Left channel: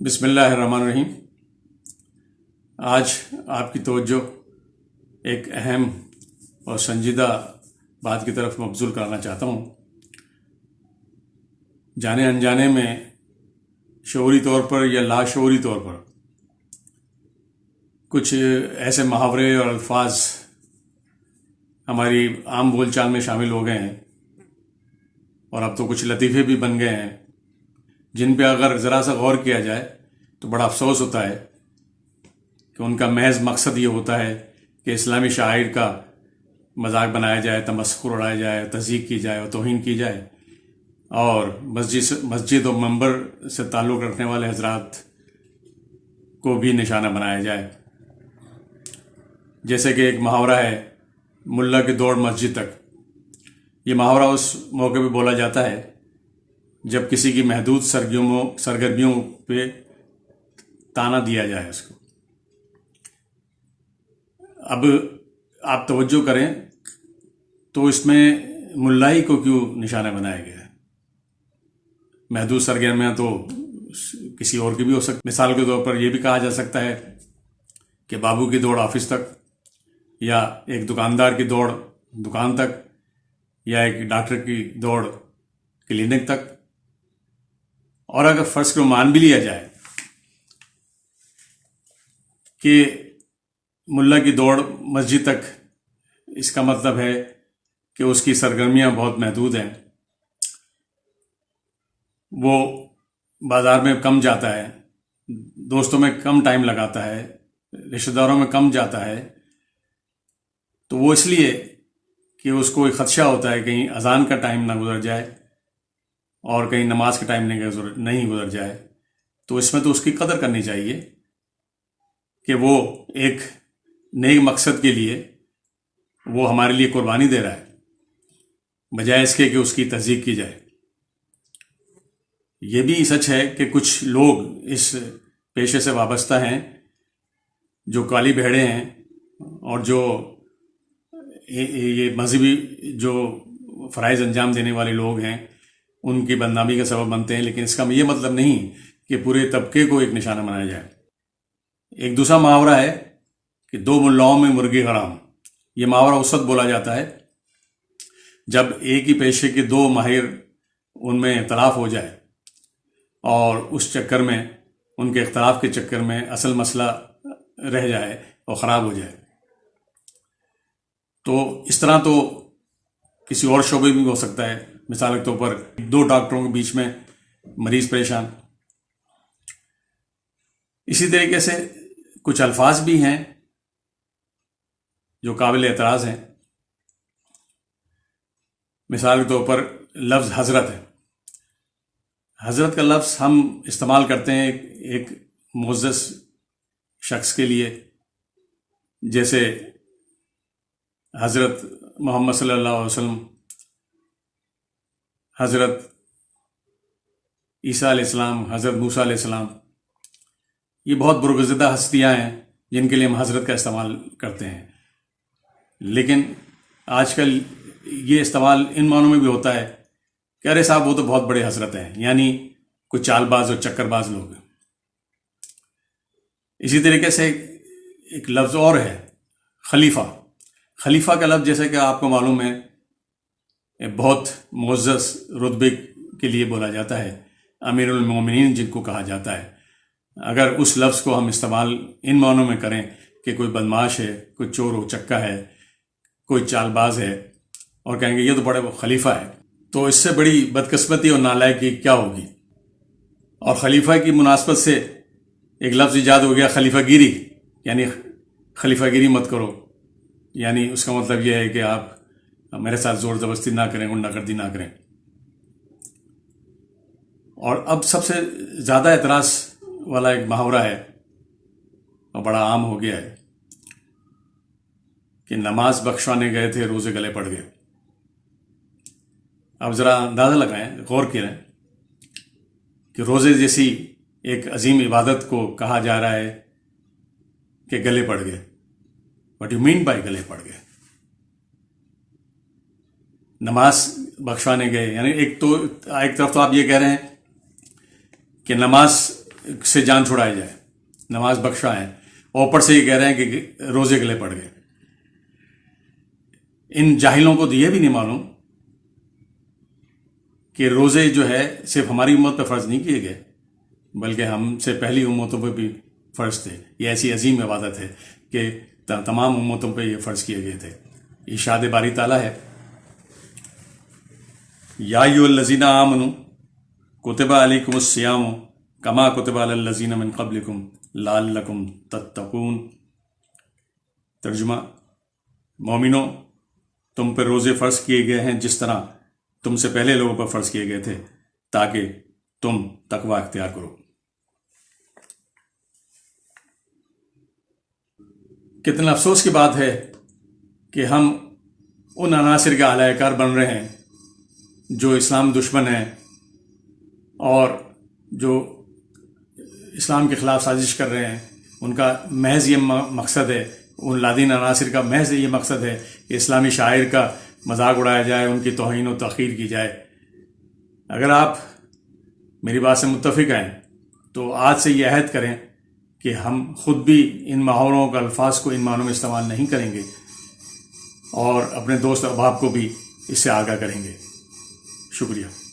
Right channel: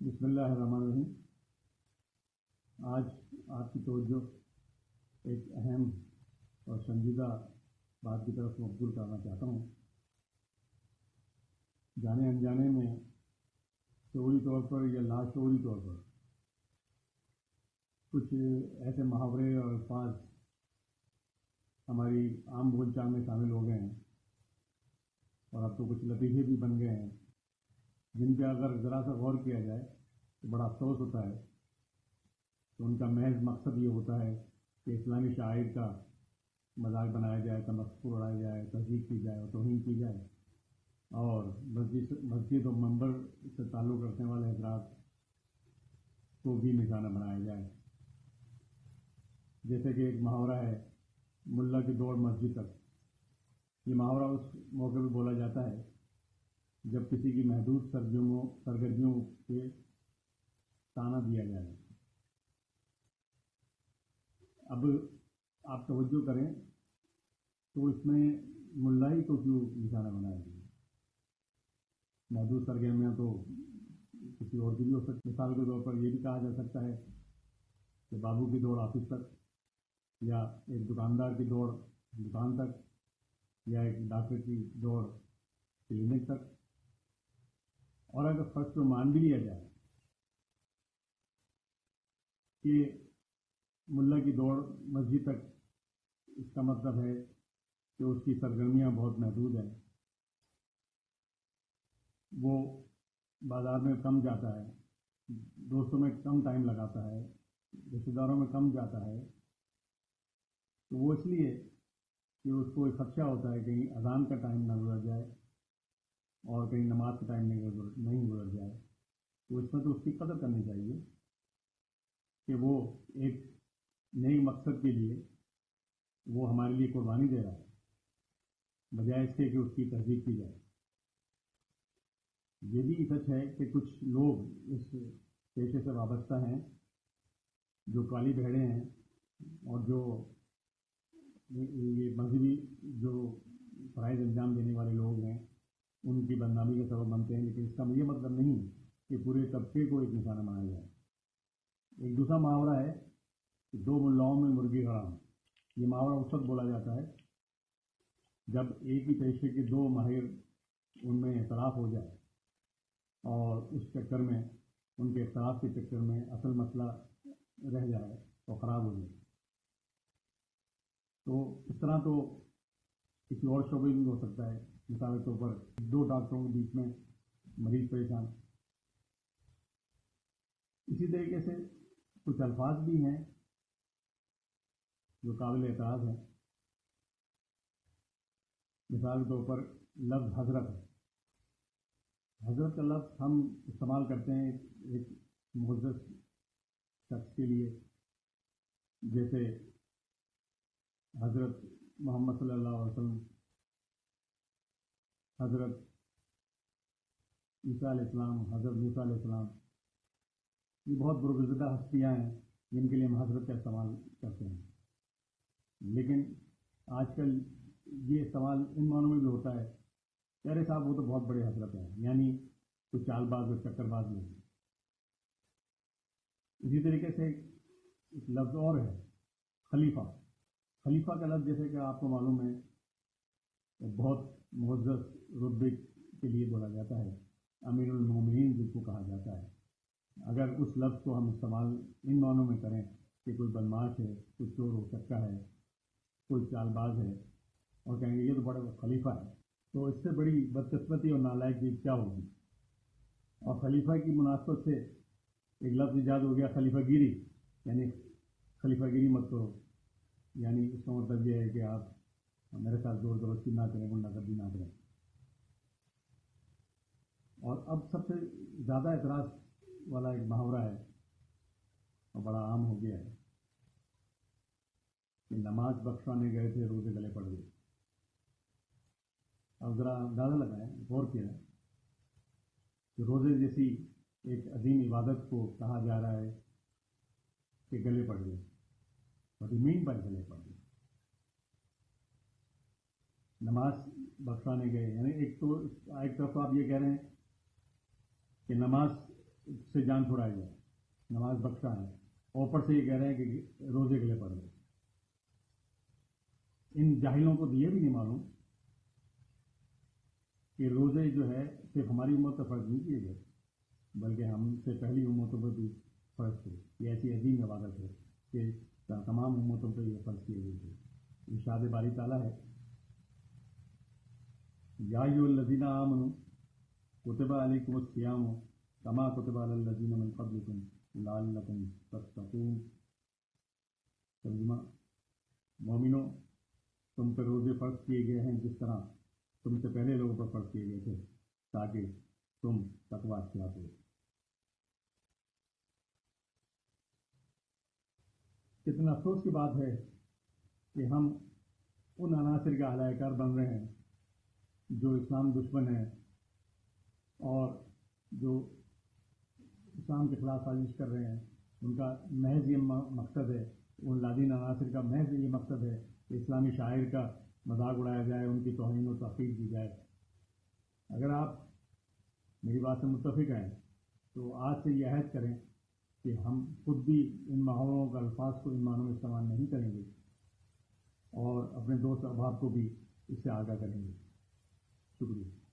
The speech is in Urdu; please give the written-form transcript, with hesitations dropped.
بسم اللہ الرحمن الرحیم۔ آج آپ کی توجہ ایک اہم اور سنجیدہ بات کی طرف مبذول کرانا چاہتا ہوں۔ جانے انجانے میں شعوری طور پر یا لاشعوری طور پر کچھ ایسے محاورے اور الفاظ ہماری عام بول چال میں شامل ہو گئے ہیں، اور اب تو کچھ لطیفے بھی بن گئے ہیں جن پہ اگر ذرا سا غور کیا جائے تو بڑا افسوس ہوتا ہے کہ ان کا محض مقصد یہ ہوتا ہے کہ اسلامی شاعر کا مذاق بنایا جائے، تمسخر اڑایا جائے، تضحیک کی جائے اور توہین کی جائے، اور مسجد و منبر سے تعلق رکھنے والے حضرات کو بھی نشانہ بنایا جائے۔ جیسے کہ ایک محاورہ ہے، ملا کی دوڑ مسجد تک۔ یہ محاورہ اس موقع پہ بولا جاتا ہے جب کسی کی محدود سرگرمیوں پہ تانا دیا جائے اس کو۔ اب آپ توجہ کریں تو اس میں ملائی کو کیوں نشانہ بنایا گیا ہے؟ محدود سرگرمیاں تو کسی اور کی بھی ہو سکتی۔ مثال کے طور پر یہ بھی کہا جا سکتا ہے کہ بابو کی دوڑ آفس تک، یا ایک دکاندار کی دوڑ دکان تک، یا ایک ڈاکٹر کی دوڑ کلینک تک۔ اور اگر فرض کو مان بھی لیا جائے کہ ملا کی دوڑ مسجد تک، اس کا مطلب ہے کہ اس کی سرگرمیاں بہت محدود ہیں، وہ بازار میں کم جاتا ہے، دوستوں میں کم ٹائم لگاتا ہے، رشتہ داروں میں کم جاتا ہے، تو وہ اس لیے کہ اس کو ایک خدشہ ہوتا ہے کہیں اذان کا ٹائم نہ گزر جائے اور کہیں نماز کا ٹائم نہیں گزر جائے۔ تو اس میں تو اس کی قدر کرنی چاہیے کہ وہ ایک نیک مقصد کے لیے وہ ہمارے لیے قربانی دے رہا ہے، بجائے اس کے کہ اس کی تضحیک کی جائے۔ یہ بھی سچ ہے کہ کچھ لوگ اس پیشے سے وابستہ ہیں جو کالی بھیڑیں ہیں، اور جو یہ مذہبی جو فرائض انجام دینے والے لوگ ہیں ان کی بدنامی کا سبب بنتے ہیں، لیکن اس کا یہ مطلب نہیں کہ پورے طبقے کو ایک نشانہ بنایا جائے۔ ایک دوسرا محاورہ ہے کہ دو ملاؤں میں مرغی حرام۔ یہ محاورہ اس وقت بولا جاتا ہے جب ایک ہی پیشے کے دو ماہر ان میں اختلاف ہو جائے، اور اس چکر میں ان کے اختلاف کے چکر میں اصل مسئلہ رہ جائے اور خراب ہو جائے۔ تو اس طرح تو کسی اور شعبے بھی ہو سکتا ہے۔ مثال کے طور پر دو ڈاکٹروں کے بیچ میں مریض پریشان۔ اسی طریقے سے کچھ الفاظ بھی ہیں جو قابل اعتراض ہیں۔ مثال کے طور پر لفظ حضرت ہے۔ حضرت کا لفظ ہم استعمال کرتے ہیں ایک معزز شخص کے لیے، جیسے حضرت محمد صلی اللہ علیہ وسلم، حضرت عیسیٰ علیہ السلام، حضرت موسیٰ علیہ السلام۔ یہ بہت برگزیدہ ہستیاں ہیں جن کے لیے ہم حضرت کا استعمال کرتے ہیں، لیکن آج کل یہ استعمال ان معنوں میں بھی ہوتا ہے کہ ارے صاحب وہ تو بہت بڑے حضرت ہیں، یعنی کوئی چال باز اور چکر باز لوگ ہیں۔ اسی طریقے سے ایک لفظ اور ہے خلیفہ۔ خلیفہ کا لفظ جیسے کہ آپ کو معلوم ہے بہت معزز رتبے کے لیے بولا جاتا ہے، امیر المومنین جن کو کہا جاتا ہے۔ اگر اس لفظ کو ہم استعمال ان معنوں میں کریں کہ کوئی بدماش ہے، کوئی چور و چکا ہے، کوئی چال باز ہے، اور کہیں گے یہ تو بڑے خلیفہ ہے، تو اس سے بڑی بدقسمتی اور نالائقی کیا ہوگی۔ اور خلیفہ کی مناسبت سے ایک لفظ ایجاد ہو گیا خلیفہ گیری، یعنی خلیفہ گیری مت کرو، یعنی اس کا مطلب یہ ہے کہ آپ میرے ساتھ زور زبردستی نہ کریں، غنڈہ گردی نہ کریں۔ اور اب سب سے زیادہ اعتراض والا ایک محاورہ ہے اور بڑا عام ہو گیا ہے کہ نماز بخشوانے گئے تھے، روزے گلے پڑ گئے۔ اب ذرا اندازہ لگائیں، غور کریں کہ روزے جیسی ایک عظیم عبادت کو کہا جا رہا ہے کہ گلے پڑ گئے۔ What you mean by گلے پڑ گئے؟ نماز بخشوانے گئے، یعنی ایک طرف تو آپ یہ کہہ رہے ہیں کہ نماز سے جان چھڑائی جائے، نماز بخشائیں، اور اوپر سے یہ کہہ رہے ہیں کہ روزے گلے پڑ گئے۔ ان جاہلوں کو تو یہ بھی نہیں معلوم کہ روزے جو ہے صرف ہماری امت پہ فرض نہیں کیے گئے، بلکہ ہم سے پہلی امتوں پہ بھی فرض تھے۔ یہ ایسی عظیم عبادت ہے کہ تمام امتوں پہ یہ فرض کیے گئے تھے۔ ارشاد باری تعالیٰ ہے، یا ایھا الذین آمنوا کتب علیکم الصیام کما کتب علی الذین من قبلکم لعلکم تتقون۔ ترجمہ، مومنو، تم پر روزے فرض کیے گئے ہیں جس طرح تم سے پہلے لوگوں پر فرض کیے گئے تھے تاکہ تم تقوی اختیار کرو۔ کتنا افسوس کی بات ہے کہ ہم ان عناصر کے اعلی کار بن رہے ہیں جو اسلام دشمن ہیں اور جو اسلام کے خلاف سازش کر رہے ہیں۔ ان کا محض یہ مقصد ہے، ان لادین عناصر کا محض یہ مقصد ہے کہ اسلامی شاعر کا مذاق اڑایا جائے، ان کی توہین و تحقیر کی جائے۔ اگر آپ میری بات سے متفق ہیں تو آج سے یہ عہد کریں کہ ہم خود بھی ان محاوروں کا الفاظ کو ان معنوں میں استعمال نہیں کریں گے اور اپنے دوست احباب کو بھی اس سے آگاہ کریں گے۔ شکریہ۔